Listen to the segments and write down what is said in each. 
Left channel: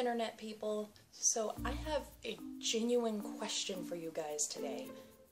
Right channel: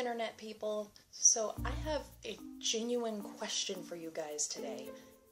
internet people. So I have a genuine question for you guys today,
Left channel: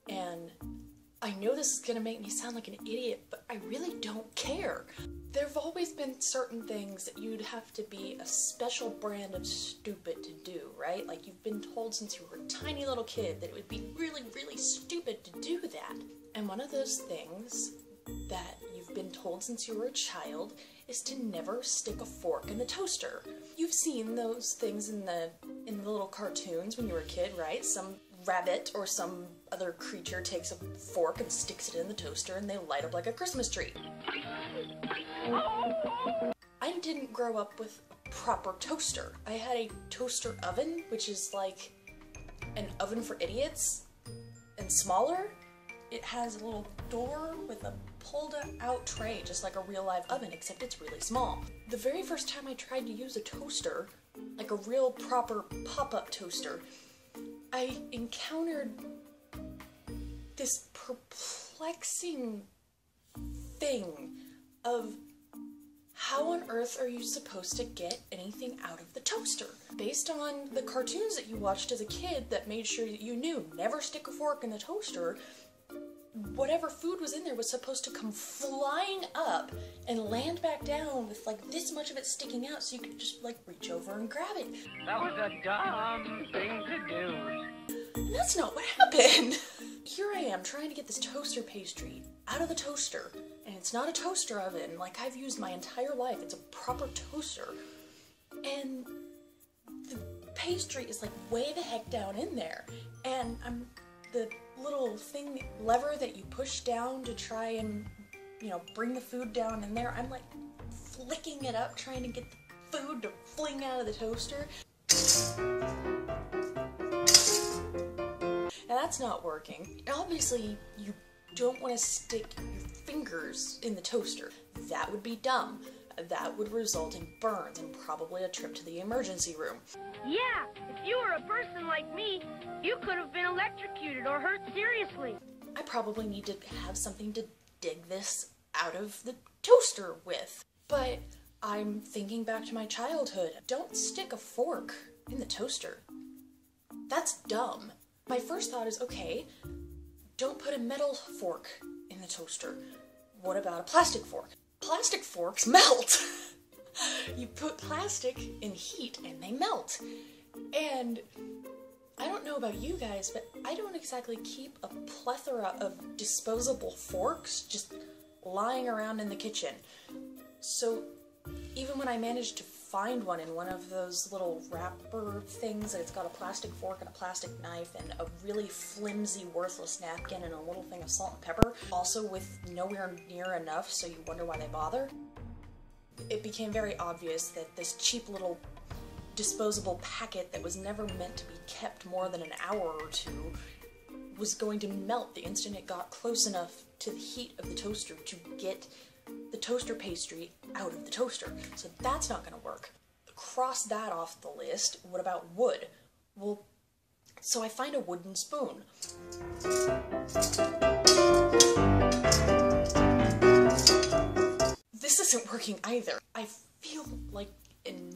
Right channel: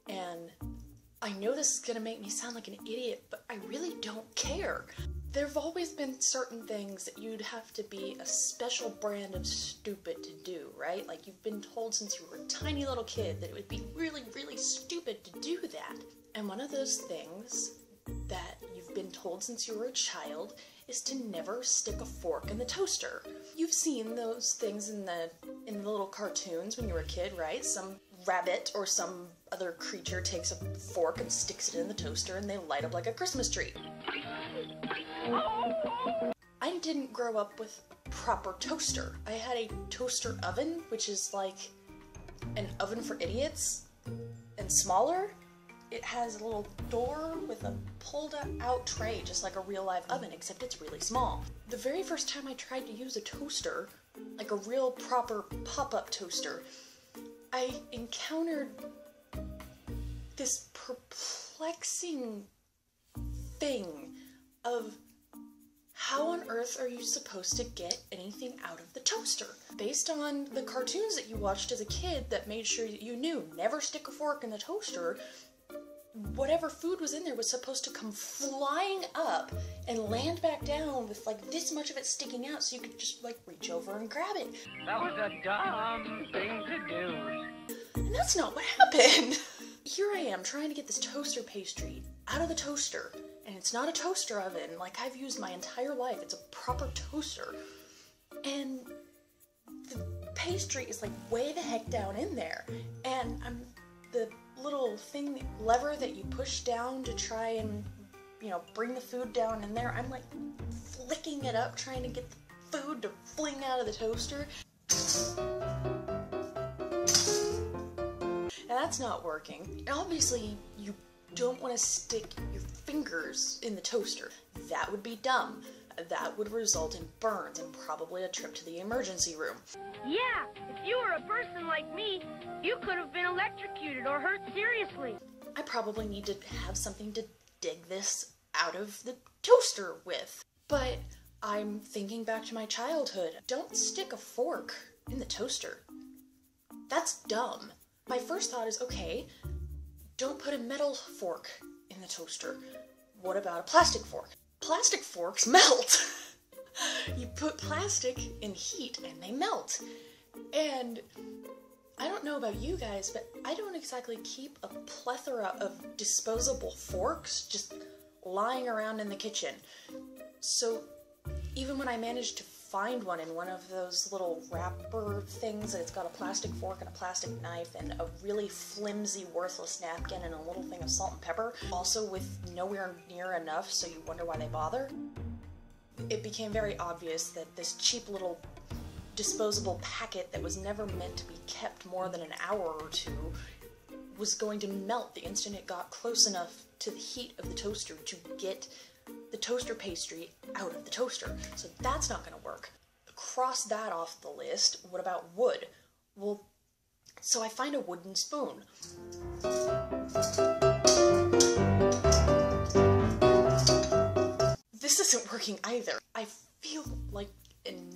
and I know this is gonna make me sound like an idiot, but I really don't care. There have always been certain things that you'd have to be a special brand of stupid to do, right? Like you've been told since you were a tiny little kid that it would be really, really stupid to do that. And one of those things that you've been told since you were a child is to never stick a fork in the toaster. You've seen those things in the little cartoons when you were a kid, right? Some rabbit or some other creature takes a fork and sticks it in the toaster and they light up like a Christmas tree. I didn't grow up with a proper toaster. I had a toaster oven, which is like an oven for idiots and smaller. It has a little door with a pulled out tray, just like a real live oven, except it's really small. The very first time I tried to use a toaster, like a real proper pop-up toaster, I encountered this perplexing thing of how on earth are you supposed to get anything out of the toaster? Based on the cartoons that you watched as a kid that made sure that you knew never stick a fork in the toaster, whatever food was in there was supposed to come flying up and land back down with like this much of it sticking out so you could just like reach over and grab it. That was a dumb thing to do. That's not what happened. Here I am trying to get this toaster pastry out of the toaster, and it's not a toaster oven like I've used my entire life. It's a proper toaster. And the pastry is like way the heck down in there. And the little thing, the lever that you push down to try and, bring the food down in there, I'm like flicking it up, trying to get the food to fling out of the toaster. And that's not working. Obviously, you don't want to stick your fingers in the toaster. That would be dumb. That would result in burns and probably a trip to the emergency room. Yeah, if you were a person like me, you could have been electrocuted or hurt seriously. I probably need to have something to dig this out of the toaster with. But I'm thinking back to my childhood. Don't stick a fork in the toaster. That's dumb. My first thought is, okay, don't put a metal fork in the toaster. What about a plastic fork? Plastic forks melt. You put plastic in heat and they melt. And I don't know about you guys, but I don't exactly keep a plethora of disposable forks just lying around in the kitchen. So even when I managed to find one in one of those little wrapper things and it's got a plastic fork and a plastic knife and a really flimsy, worthless napkin and a little thing of salt and pepper, also with nowhere near enough so you wonder why they bother, it became very obvious that this cheap little disposable packet that was never meant to be kept more than an hour or two was going to melt the instant it got close enough to the heat of the toaster to get the toaster pastry out of the toaster. So that's not going to work. Cross that off the list. What about wood? Well, so I find a wooden spoon. This isn't working either. I feel like an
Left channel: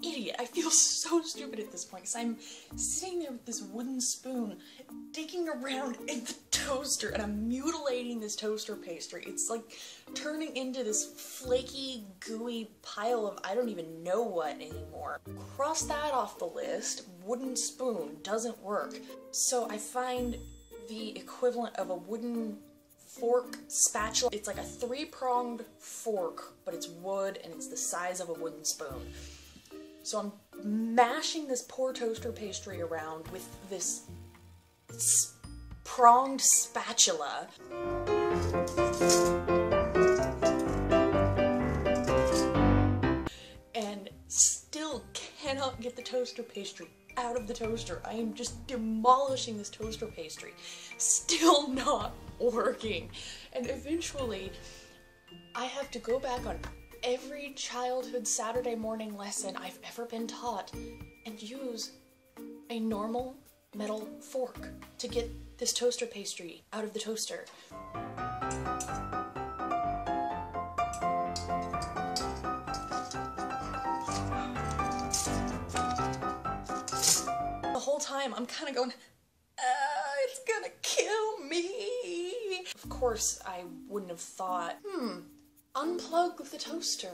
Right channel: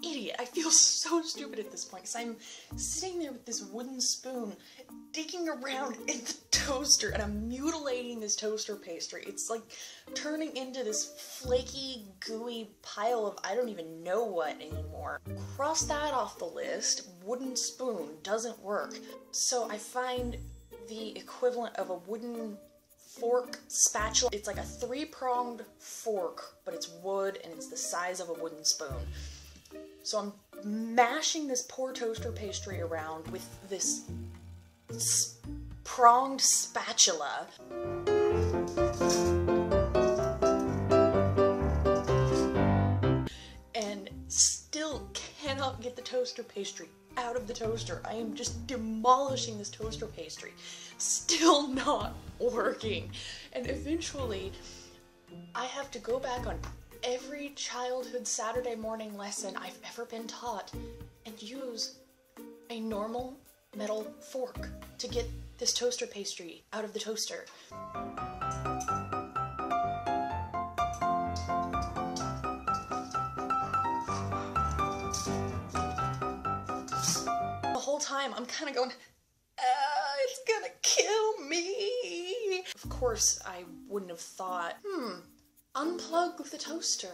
idiot. I feel so stupid at this point because I'm sitting there with this wooden spoon digging around in the toaster and I'm mutilating this toaster pastry. It's like turning into this flaky, gooey pile of I don't even know what anymore. Cross that off the list. Wooden spoon doesn't work. So I find the equivalent of a wooden fork spatula. It's like a 3-pronged fork, but it's wood and it's the size of a wooden spoon. So I'm mashing this poor toaster pastry around with this pronged spatula. And still cannot get the toaster pastry out of the toaster. I am just demolishing this toaster pastry. Still not working. And eventually, I have to go back on every childhood Saturday morning lesson I've ever been taught and use a normal metal fork to get this toaster pastry out of the toaster. kind of going, it's gonna kill me. Of course, I wouldn't have thought, unplug the toaster.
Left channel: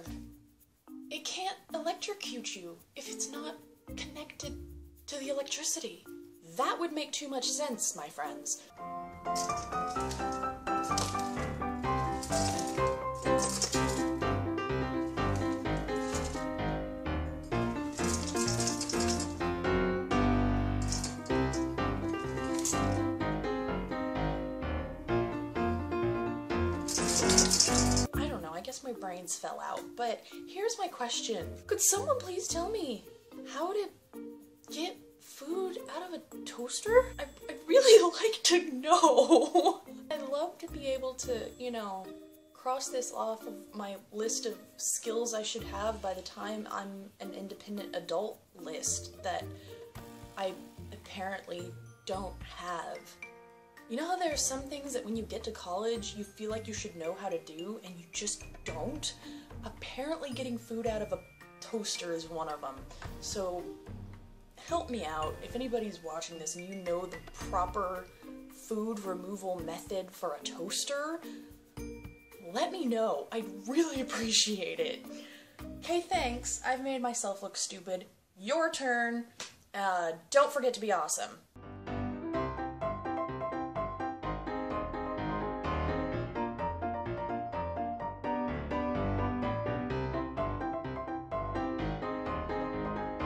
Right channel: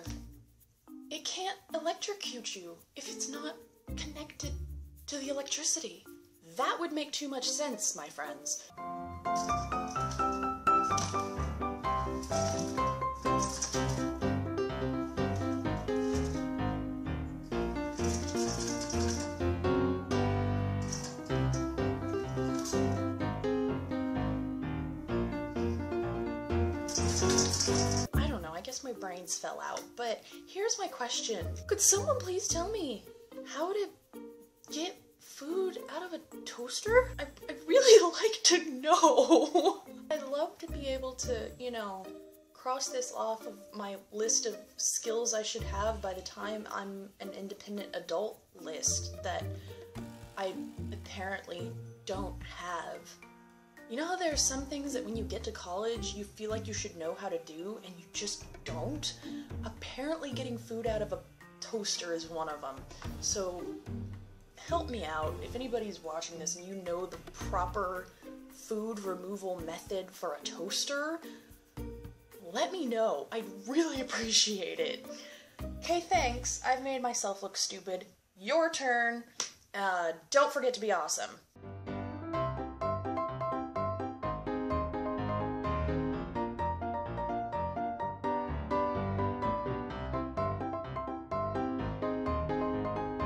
It can't electrocute you if it's not connected to the electricity. That would make too much sense, my friends. I don't know, I guess my brains fell out, but here's my question. Could someone please tell me how to get food out of a toaster? I'd really like to know. I'd love to be able to, you know, cross this off of my list of skills I should have by the time I'm an independent adult list that I apparently don't have. You know how there's some things that when you get to college you feel like you should know how to do and you just don't? Apparently getting food out of a toaster is one of them. So help me out. If anybody's watching this and you know the proper food removal method for a toaster, let me know. I'd really appreciate it. Hey, thanks. I've made myself look stupid. Your turn. Don't forget to be awesome.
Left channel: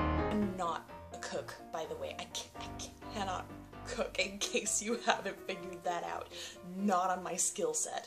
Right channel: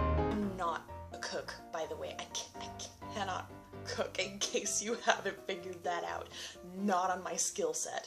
I'm not a cook, by the way. I cannot cook, in case you haven't figured that out. Not on my skill set.